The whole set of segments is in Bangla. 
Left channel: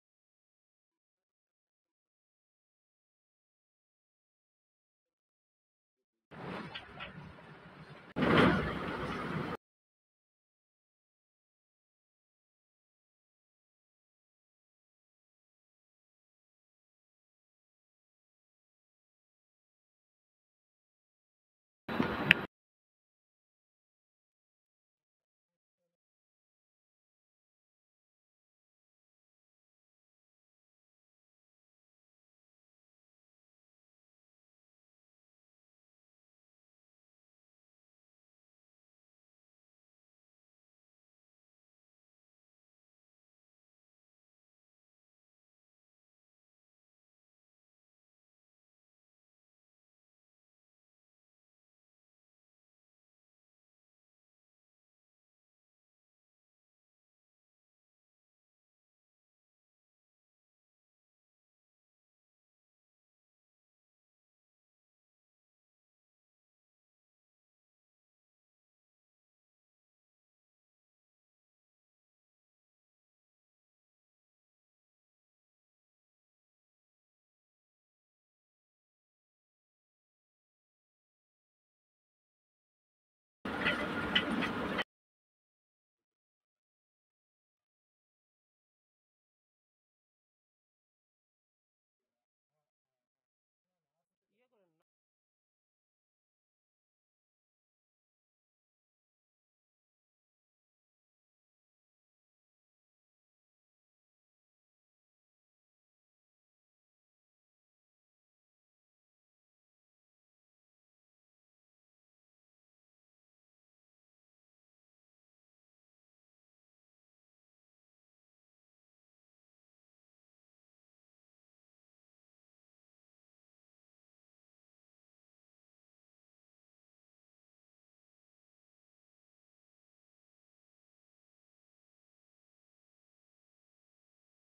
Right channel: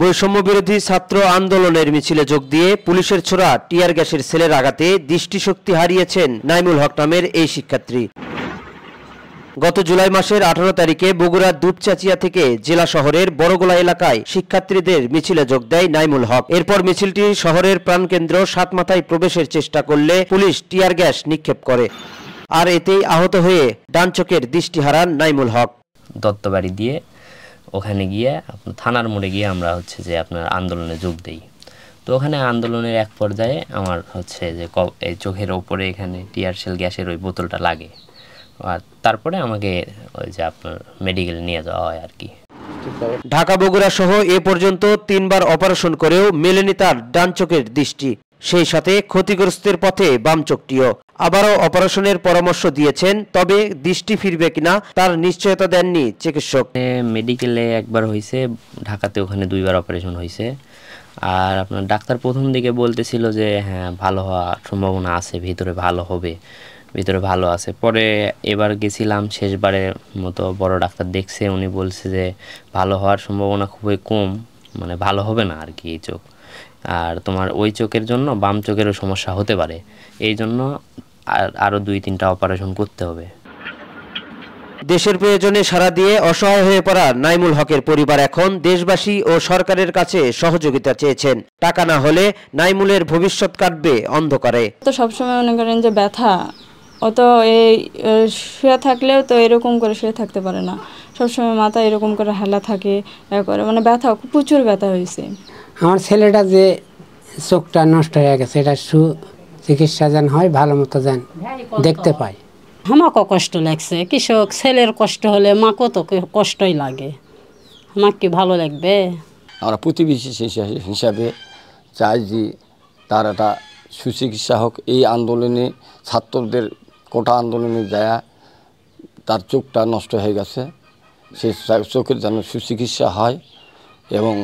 বৈষম্য বিরোধী ছাত্র আন্দোলনের মিছিলে যোগ দিয়ে পুলিশের ছোড়া টিয়ার গ্যাসের সেলের আঘাতে দৃষ্টিশক্তি হারিয়েছেন নাইমুল হক নামের এই শিক্ষার্থী। গত জুলাই মাসের 18 তারিখে বগুড়ার দুপচাচিয়া থেকে জেলা শহরের বড়গোলা এলাকায় শিক্ষার্থীদের মিছিলে যোগ দেয় নাইমুল হক। এরপর মিছিলটি শহরের প্রাণকেন্দ্র সাতমাথায় প্রবেশের চেষ্টা করলে পুলিশ টিয়ার গ্যাস নিক্ষেপ করে, আর এতেই আহত হয়ে ডান চোখের দৃষ্টি হারান নাইমুল হক। দত্তবাড়ি দিয়ে ওখানে গিয়ে থানার মোড়ে গিয়ে আমরা যে আপনার আন্দোলনে যোগ দেই। তো ওখানে আন্দোলনের এক পর্যায়ে আমার যে এই চোখের ওপরে এখানে টিয়ারশেল গ্যাসের ওই বোতলটা লাগে, আর তারপরে আমাকে আপনার মেডিকেলে নিয়ে যাওয়া হয় আর কি। ঢাকা বগুড়া সহ এ পর্যন্ত 3 বার অপারেশন করেও মেলেনি তার ডান চোখের দৃষ্টি, সেই সাথে ক্ষতিগ্রস্তের পথে বাম চোখটিও। আবারও অপারেশনের পরামর্শ দিয়েছেন, তবে দৃষ্টি ফিরবে কিনা তার নিশ্চয়তা দেননি চিকিৎসক। মেডিকেলে একবার হয়েছে, ঢাকাতে ওখানে 2 বার অপারেশন হয়েছে। আর আপনার ডাক্তার প্রথম দিকে বলতেছিল যে হ্যাঁ ভালো হওয়ার সম্ভাবনা আছে, ভিতরে ভালো হবে, ভিতরে ভালো আছে। পরে এবার গেছিলাম, শেষবারের মতো বড় ডাক্তার দেখছে, উনি বলছে যে ভালো হওয়ার সম্ভাবনা খুবই কম, মানে ভালো হবে না আর কি এই চোখ। আর তোমার ওই চোখের জন্য বাম চোখেরও সমস্যা হতে পারে, এই জন্য আরও 2-3টা অপারেশন করতে হবে। দেশের প্রয়োজনে সাড়া দিয়ে অসহায় হয়ে পড়া নাইমুল হকের পরিবার এখন দেশবাসী ও সরকারের কাছে সহযোগিতা চেয়েছেন। টাকা না হলে নাইমুলের ভবিষ্যৎ কাটবে অন্ধকারে। তো সবসময় মনে করেন যে ব্যথা, ও তো এই শুয়ে থাকলেও তো এরকম করে শুয়ে থাকতে পারে না, সবসময় মাথা এরকম করে হেলা থাকে, করে মানে ব্যথা, প্রচুর ব্যথা হয়েছে। আমার ছেলেটা যে চোখটা নষ্ট হয়ে গেছে, এটা চিকিৎসা যেন হয়, ভালো মতো যেন দেখতে পায়। আমাকেও কষ্ট লাগছে, কৃষক ছেলের কষ্ট হলে মাকেও তো কষ্টই লাগে, আমাকে কি ভালো লাগবে? আমরা প্রতিবেশী হিসাবে চাই যে তার একটা সুচিকিৎসা হোক। এই আন্দোলনে ছাত্রদের কোটা আন্দোলনে যায় তার চোখটা নষ্ট হয়ে গেছে, সেই চোখের যেন সুচিকিৎসা হয়। এবং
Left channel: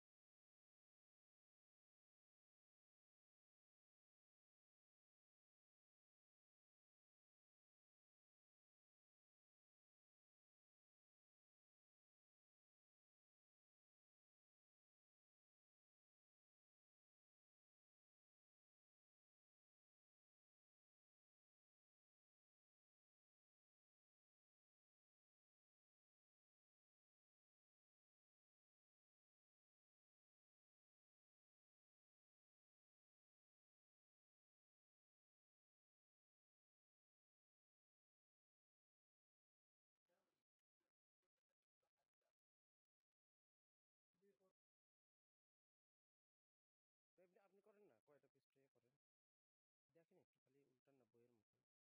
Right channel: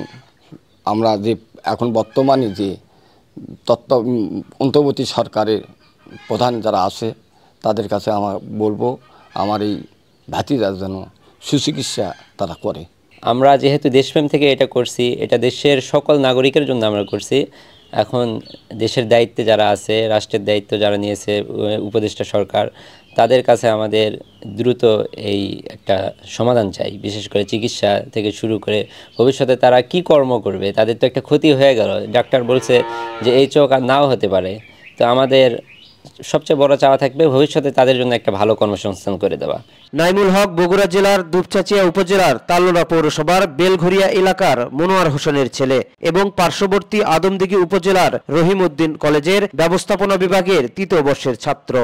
আমরা যে এখন বর্তমানে যে অন্তর্বর্তী সরকারের প্রধান যারা আছে তাদের কাছে আমার বলবো, আমার এই ভাতিজার যেন সুচিকিৎসা তারা করে। আমরা যেহেতু দেশপ্রেম থেকে এটা করছি, এটা দেশের সকল নাগরিকের জন্য আমরা করছি। এখন দেশের দায়িত্বে যারা আছে, রাষ্ট্রের দায়িত্ব যারা নিয়েছে, উপদেষ্টা সরকার, তাদের কাছে আমাদের দ্রুত এই একটা সমাধান চাই। বিশেষ করে চিকিৎসা থেকে শুরু করে ভবিষ্যতে তারা কি কর্ম করবে, তাদের তো একটা ক্ষতি হয়ে গেল। ডাক্তার বলছে যে এই চোখ আর নাও হতে পারে। তো আমাদের সবচেয়ে বড় চাওয়া থাকবে ভবিষ্যতে তাদের জন্য একটা ভালো কর্মসংস্থান করে দেওয়া। নাইমুল হক বগুড়া জেলার দুপচাচিয়া উপজেলার তালোড়া পৌরসভার বেলঘরিয়া এলাকার মনোয়ার হোসেনের ছেলে এবং পার্শ্ববর্তী আদমদিঘি উপজেলার রহিম উদ্দিন কলেজের ব্যবস্থাপনা বিভাগের 3য় বর্ষের ছাত্র।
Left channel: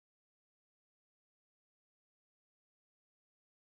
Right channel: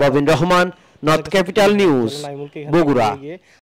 Bobbin Rahman, north capital news, Bogura.